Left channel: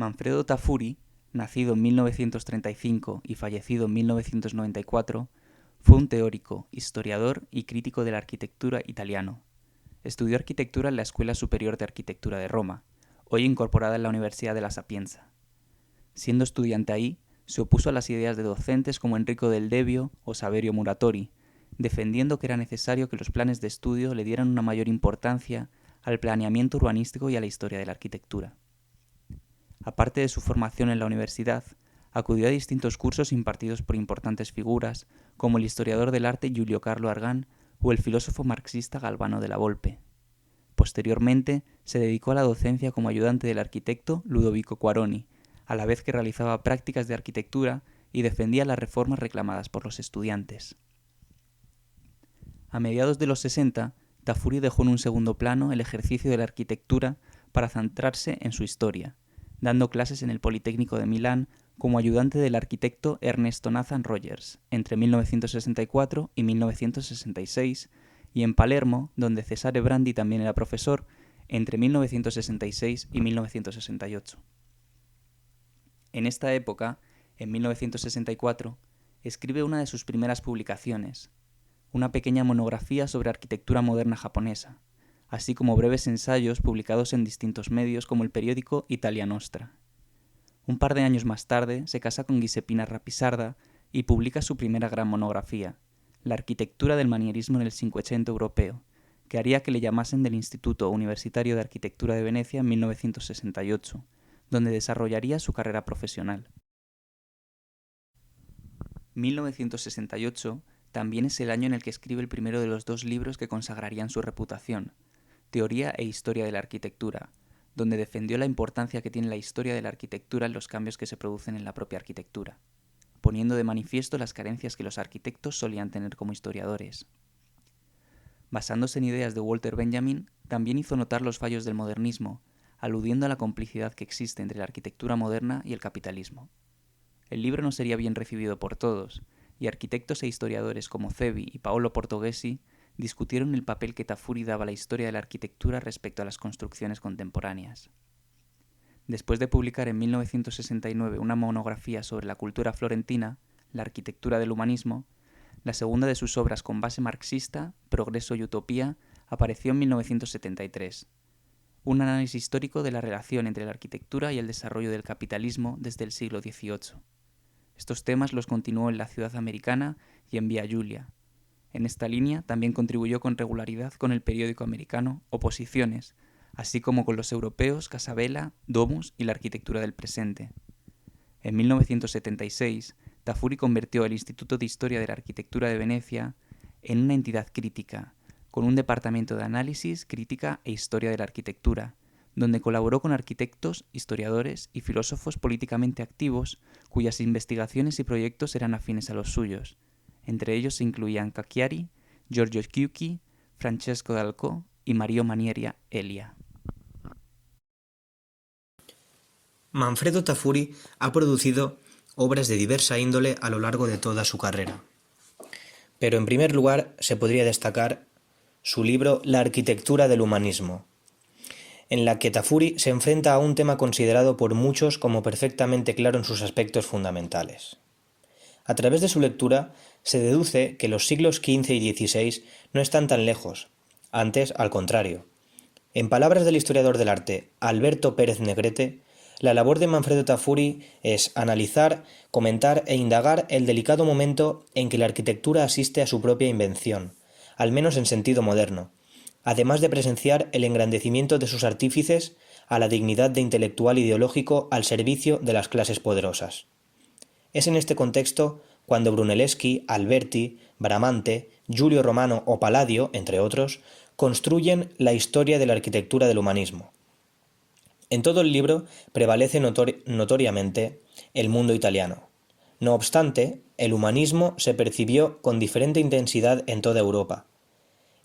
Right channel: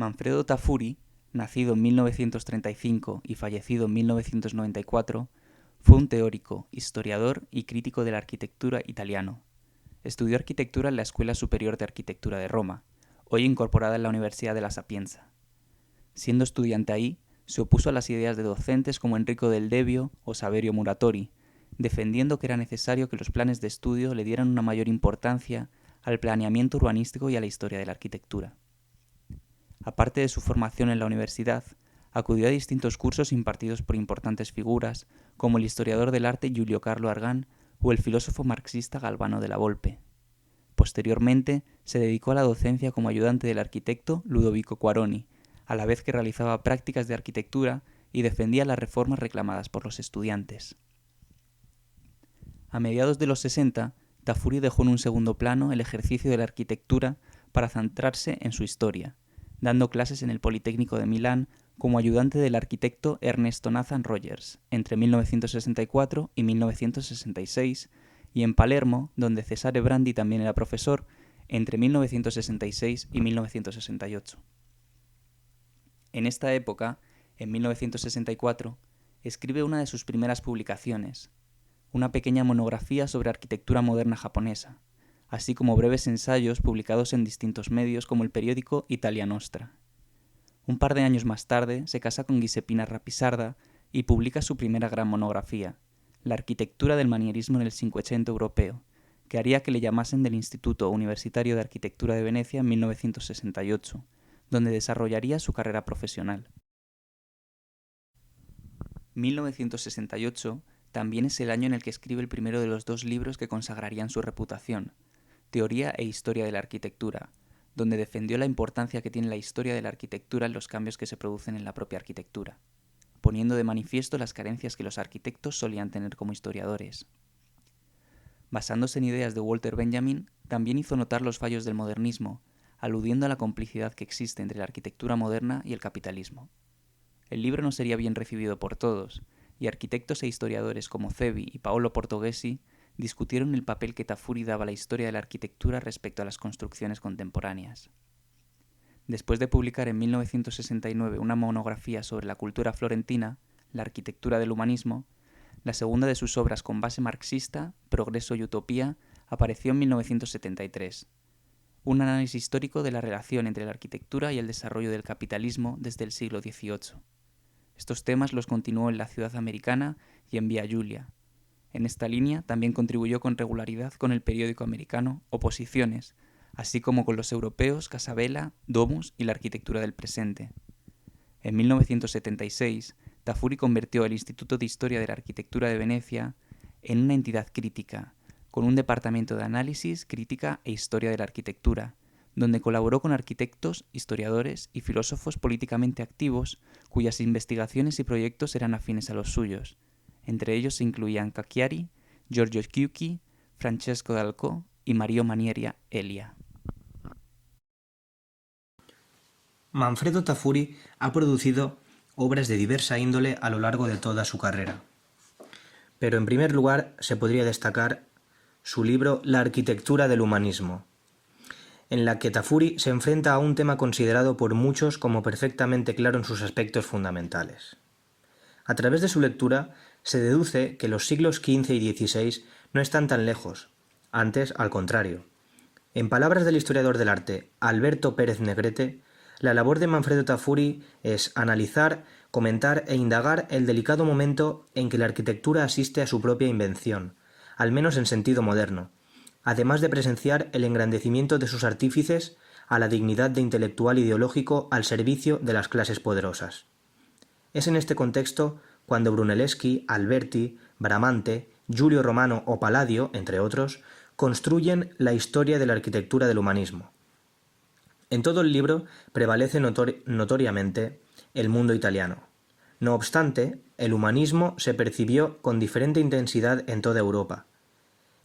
Manfredo Tafuri, nacido en 1935 y fallecido en 1994, fue un teórico, historiador y crítico de la arquitectura italiano. Estudió arquitectura en la Escuela Superior de Arquitectura de Roma, hoy incorporada en la Universidad de la Sapienza. Siendo estudiante ahí, se opuso a las ideas de docentes como Enrico del Debbio o Saverio Muratori, defendiendo que era necesario que los planes de estudio le dieran una mayor importancia al planeamiento urbanístico y a la historia de la arquitectura. Aparte de su formación en la universidad, acudió a distintos cursos impartidos por importantes figuras como el historiador del arte Giulio Carlo Argan o el filósofo marxista Galvano de la Volpe. Posteriormente, se dedicó a la docencia como ayudante del arquitecto Ludovico Quaroni, a la vez que realizaba prácticas de arquitectura y defendía las reformas reclamadas por los estudiantes. A mediados de los 60, Tafuri dejó en un segundo plano el ejercicio de la arquitectura para centrarse en su historia, dando clases en el Politécnico de Milán como ayudante del arquitecto Ernesto Nathan Rogers entre 1964 y 1966, y en Palermo, donde Cesare Brandi también era profesor, entre 1966 y 1968. En esta época, en 1964, escribe una de sus primeras publicaciones, una pequeña monografía sobre arquitectura moderna japonesa, así como breves ensayos publicados en distintos medios como el periódico Italia Nostra. Un par de años más tarde se casa con Giuseppina Rapisarda y publica su primera gran monografía, La arquitectura del manierismo en el Cinquecento europeo, que haría que le llamasen del Instituto Universitario de Arquitectura de Venecia en 1968, donde desarrollaría su carrera profesional. 1968 también es el año en el que escribe el primero de los dos libros que consagrarían su reputación, Teoría e Historia de la Arquitectura, donde defendió la importancia que tiene la historia de la arquitectura en los cambios que se producen en la propia arquitectura, poniendo de manifiesto las carencias que los arquitectos solían tener como historiadores. Basándose en ideas de Walter Benjamin, también hizo notar los fallos del modernismo, aludiendo a la complicidad que existe entre la arquitectura moderna y el capitalismo. El libro no sería bien recibido por todos, y arquitectos e historiadores como Cevi y Paolo Portoghesi discutieron el papel que Tafuri daba a la historia de la arquitectura respecto a las construcciones contemporáneas. Después de publicar en 1969 una monografía sobre la cultura florentina, la arquitectura del humanismo, la segunda de sus obras con base marxista, Progreso y Utopía, apareció en 1973. Un análisis histórico de la relación entre la arquitectura y el desarrollo del capitalismo desde el siglo XVIII. Estos temas los continuó en La Ciudad Americana y en Via Giulia. En esta línea también contribuyó con regularidad con el periódico americano Oposiciones, así como con los europeos Casabella, Domus y la arquitectura del presente. En 1976, Tafuri convirtió el Instituto de Historia de la Arquitectura de Venecia en una entidad crítica, con un departamento de análisis, crítica e historia de la arquitectura, donde colaboró con arquitectos, historiadores y filósofos políticamente activos cuyas investigaciones y proyectos eran afines a los suyos. Entre ellos se incluían Cacchiari, Giorgio Chiuchi, Francesco Dalcò y Mario Manieria Elia. Manfredo Tafuri ha producido obras de diversa índole a lo largo de toda su carrera. Pero en primer lugar se podría destacar su libro La arquitectura del humanismo, en la que Tafuri se enfrenta a un tema considerado por muchos como perfectamente claro en sus aspectos fundamentales. A través de su lectura se deduce que los siglos XV y XVI no están tan lejos, antes al contrario. En palabras del historiador del arte Alberto Pérez Negrete, la labor de Manfredo Tafuri es analizar, comentar e indagar el delicado momento en que la arquitectura asiste a su propia invención, al menos en sentido moderno, además de presenciar el engrandecimiento de sus artífices a la dignidad de intelectual ideológico al servicio de las clases poderosas. Es en este contexto cuando Brunelleschi, Alberti, Bramante, Giulio Romano o Palladio, entre otros, construyen la historia de la arquitectura del humanismo. En todo el libro prevalece notoriamente el mundo italiano. No obstante, el humanismo se percibió con diferente intensidad en toda Europa.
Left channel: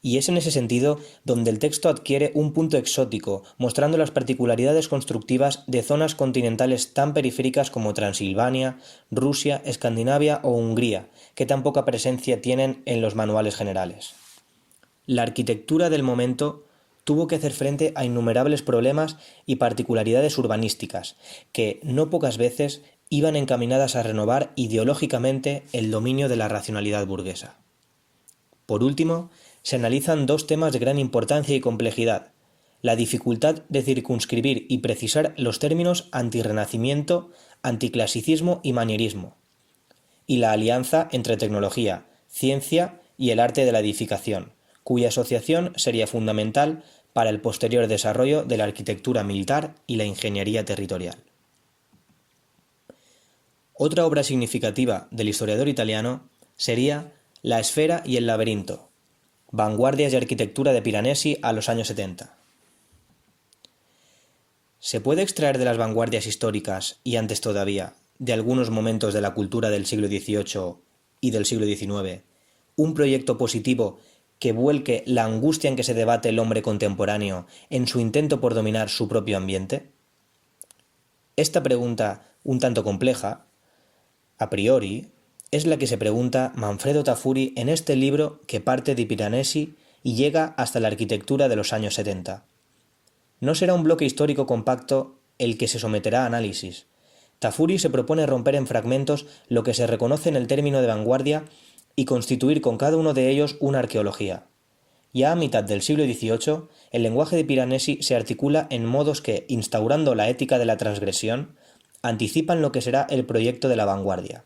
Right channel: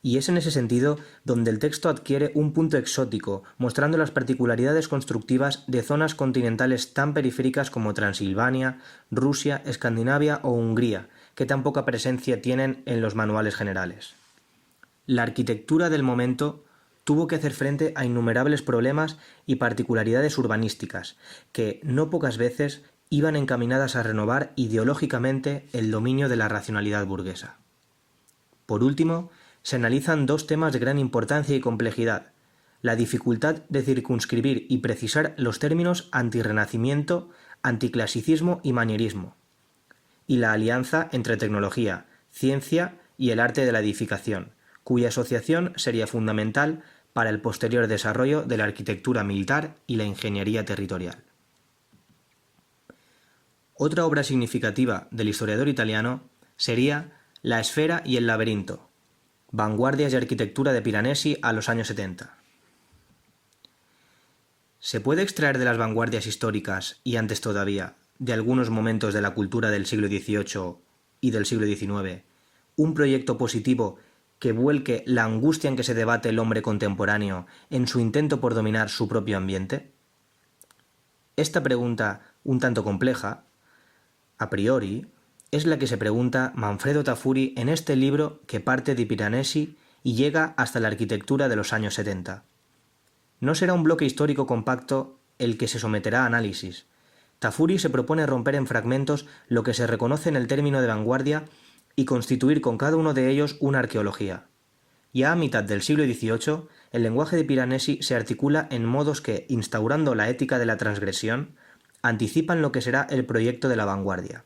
Y es en ese sentido donde el texto adquiere un punto exótico, mostrando las particularidades constructivas de zonas continentales tan periféricas como Transilvania, Rusia, Escandinavia o Hungría, que tan poca presencia tienen en los manuales generales. La arquitectura del momento tuvo que hacer frente a innumerables problemas y particularidades urbanísticas, que no pocas veces iban encaminadas a renovar ideológicamente el dominio de la racionalidad burguesa. Por último, se analizan dos temas de gran importancia y complejidad: la dificultad de circunscribir y precisar los términos antirrenacimiento, anticlasicismo y manierismo, y la alianza entre tecnología, ciencia y el arte de la edificación, cuya asociación sería fundamental para el posterior desarrollo de la arquitectura militar y la ingeniería territorial. Otra obra significativa del historiador italiano sería La esfera y el laberinto, vanguardias de arquitectura de Piranesi a los años 70. ¿Se puede extraer de las vanguardias históricas, y antes todavía, de algunos momentos de la cultura del siglo XVIII y del siglo XIX, un proyecto positivo que vuelque la angustia en que se debate el hombre contemporáneo en su intento por dominar su propio ambiente? Esta pregunta, un tanto compleja, a priori, es la que se pregunta Manfredo Tafuri en este libro que parte de Piranesi y llega hasta la arquitectura de los años 70. No será un bloque histórico compacto el que se someterá a análisis. Tafuri se propone romper en fragmentos lo que se reconoce en el término de vanguardia y constituir con cada uno de ellos una arqueología. Ya a mitad del siglo XVIII, el lenguaje de Piranesi se articula en modos que, instaurando la ética de la transgresión, anticipan lo que será el proyecto de la vanguardia.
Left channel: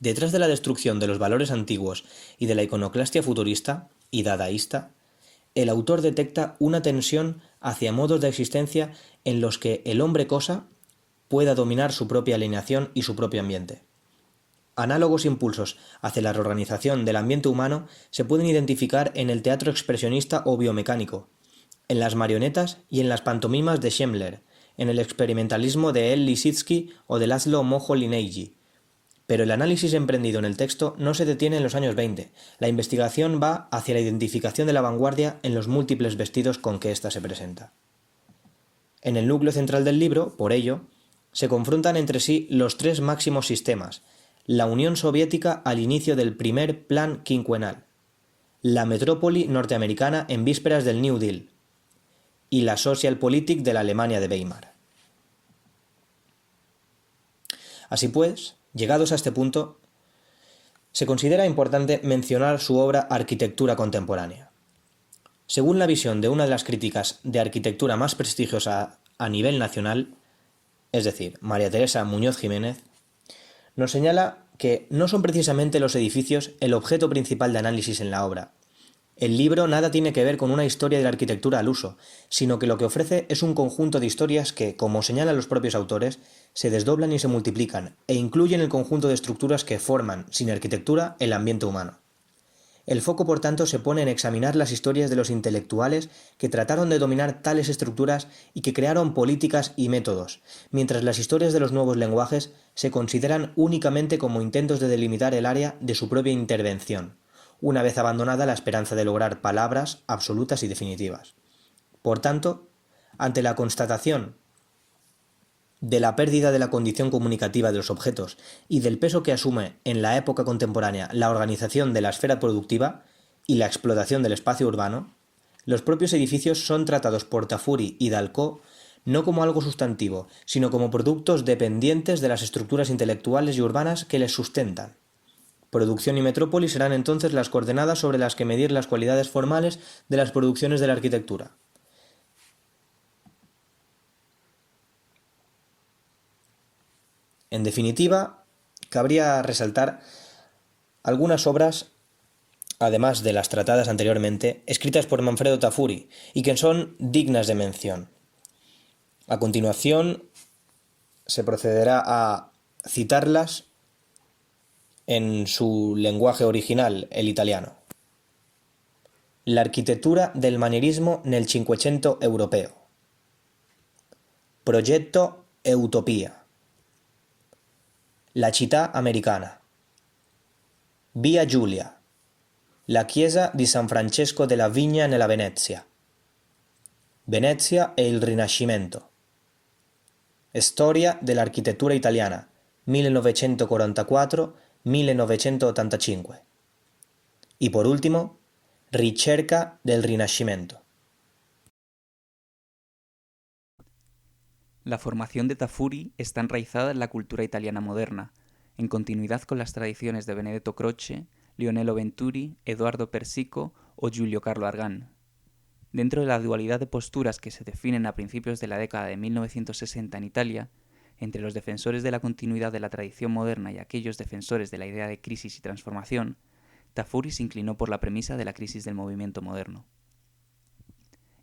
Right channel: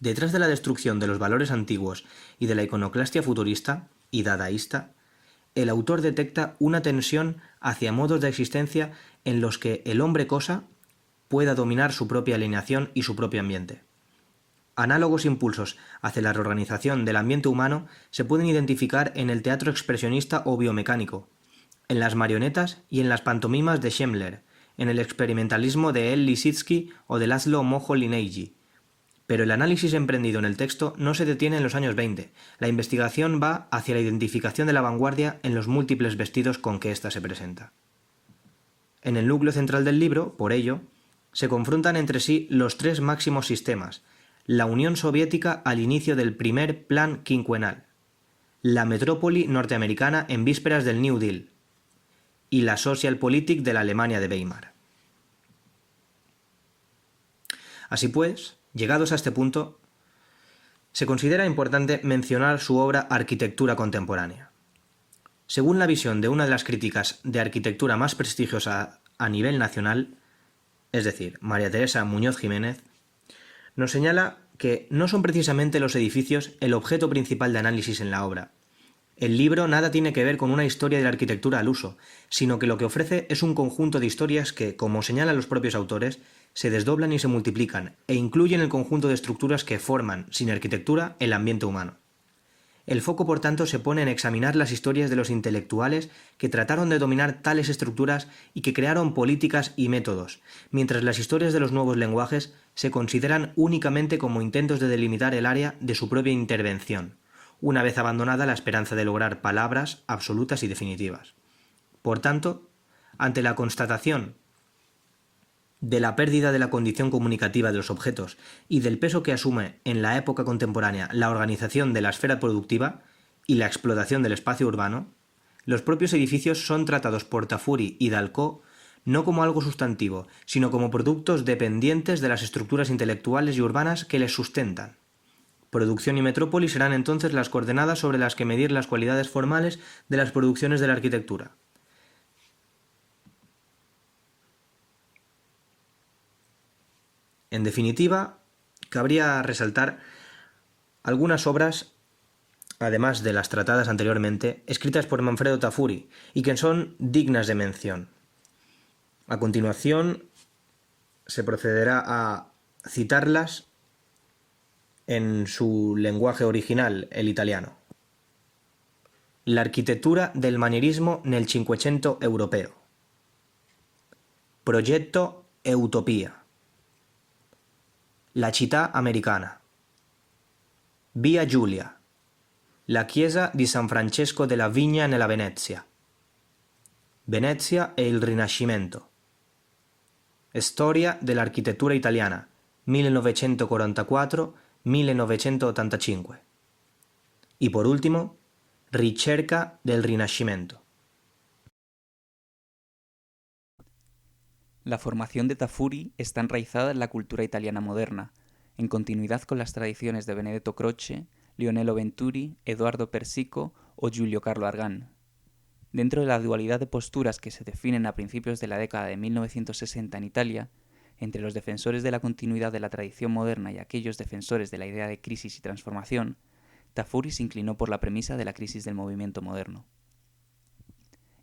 Detrás de la destrucción de los valores antiguos y de la iconoclastia futurista y dadaísta, el autor detecta una tensión hacia modos de existencia en los que el hombre-cosa pueda dominar su propia alineación y su propio ambiente. Análogos impulsos hacia la reorganización del ambiente humano se pueden identificar en el teatro expresionista o biomecánico, en las marionetas y en las pantomimas de Schemmler, en el experimentalismo de El Lissitzky o de Laszlo Moholy-Nagy. Pero el análisis emprendido en el texto no se detiene en los años 20. La investigación va hacia la identificación de la vanguardia en los múltiples vestidos con que ésta se presenta. En el núcleo central del libro, por ello, se confrontan entre sí los tres máximos sistemas: la Unión Soviética al inicio del primer plan quinquenal, la metrópoli norteamericana en vísperas del New Deal y la Socialpolitik de la Alemania de Weimar. Así pues, llegados a este punto, se considera importante mencionar su obra Arquitectura contemporánea. Según la visión de una de las críticas de arquitectura más prestigiosa a nivel nacional, es decir, María Teresa Muñoz Jiménez, nos señala que no son precisamente los edificios el objeto principal de análisis en la obra. El libro nada tiene que ver con una historia de la arquitectura al uso, sino que lo que ofrece es un conjunto de historias que, como señalan los propios autores, se desdoblan y se multiplican, e incluyen el conjunto de estructuras que forman, sin arquitectura, el ambiente humano. El foco, por tanto, se pone en examinar las historias de los intelectuales que trataron de dominar tales estructuras y que crearon políticas y métodos, mientras las historias de los nuevos lenguajes se consideran únicamente como intentos de delimitar el área de su propia intervención, una vez abandonada la esperanza de lograr palabras absolutas y definitivas. Por tanto, ante la constatación de la pérdida de la condición comunicativa de los objetos y del peso que asume en la época contemporánea la organización de la esfera productiva y la explotación del espacio urbano, los propios edificios son tratados por Tafuri y Dalcó no como algo sustantivo, sino como productos dependientes de las estructuras intelectuales y urbanas que les sustentan. Producción y metrópoli serán entonces las coordenadas sobre las que medir las cualidades formales de las producciones de la arquitectura. En definitiva, cabría resaltar algunas obras, además de las tratadas anteriormente, escritas por Manfredo Tafuri y que son dignas de mención. A continuación, se procederá a citarlas en su lenguaje original, el italiano. La architettura del manierismo nel Cinquecento europeo. Progetto e utopia. La città americana. Via Giulia. La chiesa di San Francesco della Vigna nella Venezia. Venezia e il Rinascimento. Storia dell'architettura italiana, 1944-1985. Y por último, Ricerca del Rinascimento. La formación de Tafuri está enraizada en la cultura italiana moderna, en continuidad con las tradiciones de Benedetto Croce, Lionello Venturi, Edoardo Persico o Giulio Carlo Argan. Dentro de la dualidad de posturas que se definen a principios de la década de 1960 en Italia, entre los defensores de la continuidad de la tradición moderna y aquellos defensores de la idea de crisis y transformación, Tafuri se inclinó por la premisa de la crisis del movimiento moderno.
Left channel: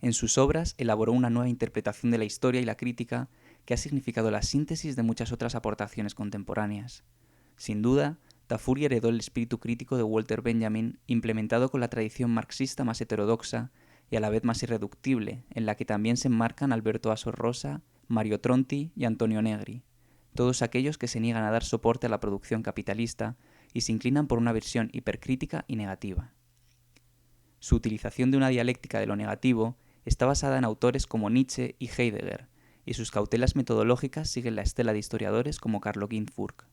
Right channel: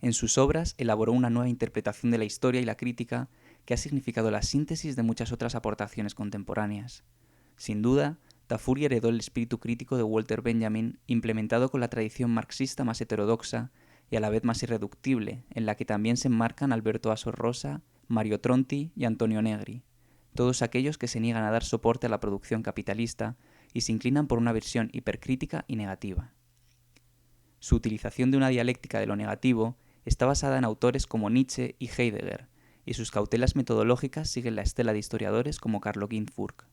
En sus obras elaboró una nueva interpretación de la historia y la crítica que ha significado la síntesis de muchas otras aportaciones contemporáneas. Sin duda, Tafuri heredó el espíritu crítico de Walter Benjamin, implementado con la tradición marxista más heterodoxa y a la vez más irreductible, en la que también se enmarcan Alberto Asor Rosa, Mario Tronti y Antonio Negri, todos aquellos que se niegan a dar soporte a la producción capitalista y se inclinan por una visión hipercrítica y negativa. Su utilización de una dialéctica de lo negativo está basada en autores como Nietzsche y Heidegger, y sus cautelas metodológicas siguen la estela de historiadores como Carlo Ginzburg.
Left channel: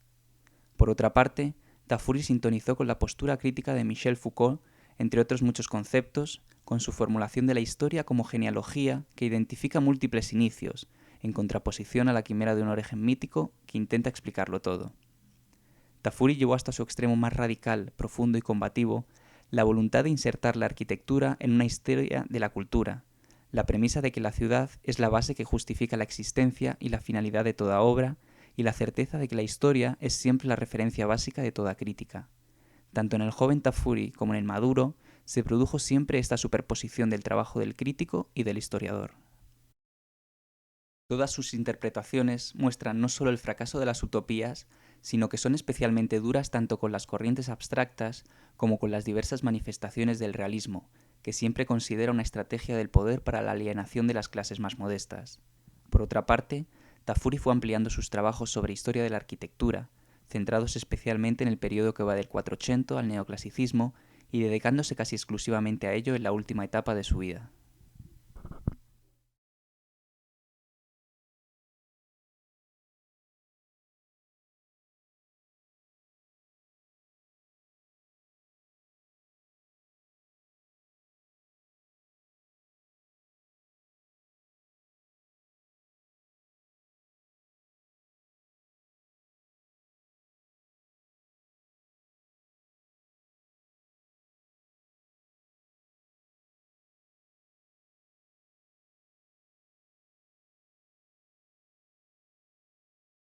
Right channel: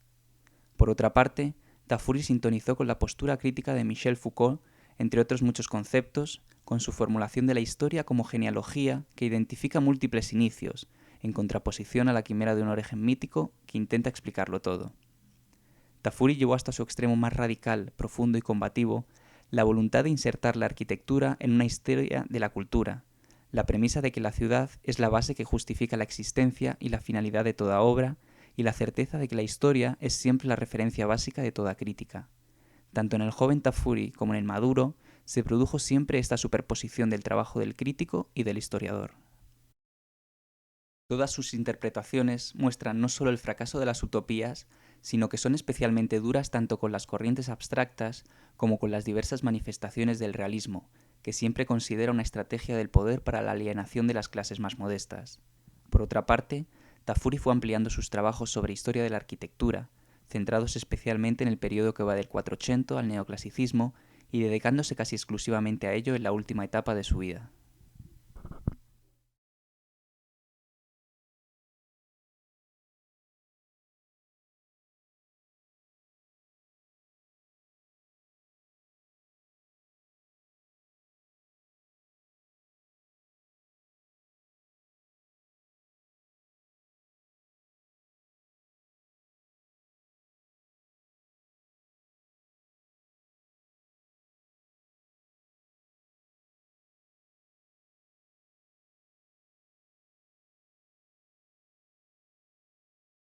Por otra parte, Tafuri sintonizó con la postura crítica de Michel Foucault, entre otros muchos conceptos, con su formulación de la historia como genealogía que identifica múltiples inicios, en contraposición a la quimera de un origen mítico que intenta explicarlo todo. Tafuri llevó hasta su extremo más radical, profundo y combativo la voluntad de insertar la arquitectura en una historia de la cultura, la premisa de que la ciudad es la base que justifica la existencia y la finalidad de toda obra, y la certeza de que la historia es siempre la referencia básica de toda crítica. Tanto en el joven Tafuri como en el maduro, se produjo siempre esta superposición del trabajo del crítico y del historiador. Todas sus interpretaciones muestran no solo el fracaso de las utopías, sino que son especialmente duras tanto con las corrientes abstractas como con las diversas manifestaciones del realismo, que siempre considera una estrategia del poder para la alienación de las clases más modestas. Por otra parte, Tafuri fue ampliando sus trabajos sobre historia de la arquitectura, centrados especialmente en el periodo que va del 480 al neoclasicismo y dedicándose casi exclusivamente a ello en la última etapa de su vida.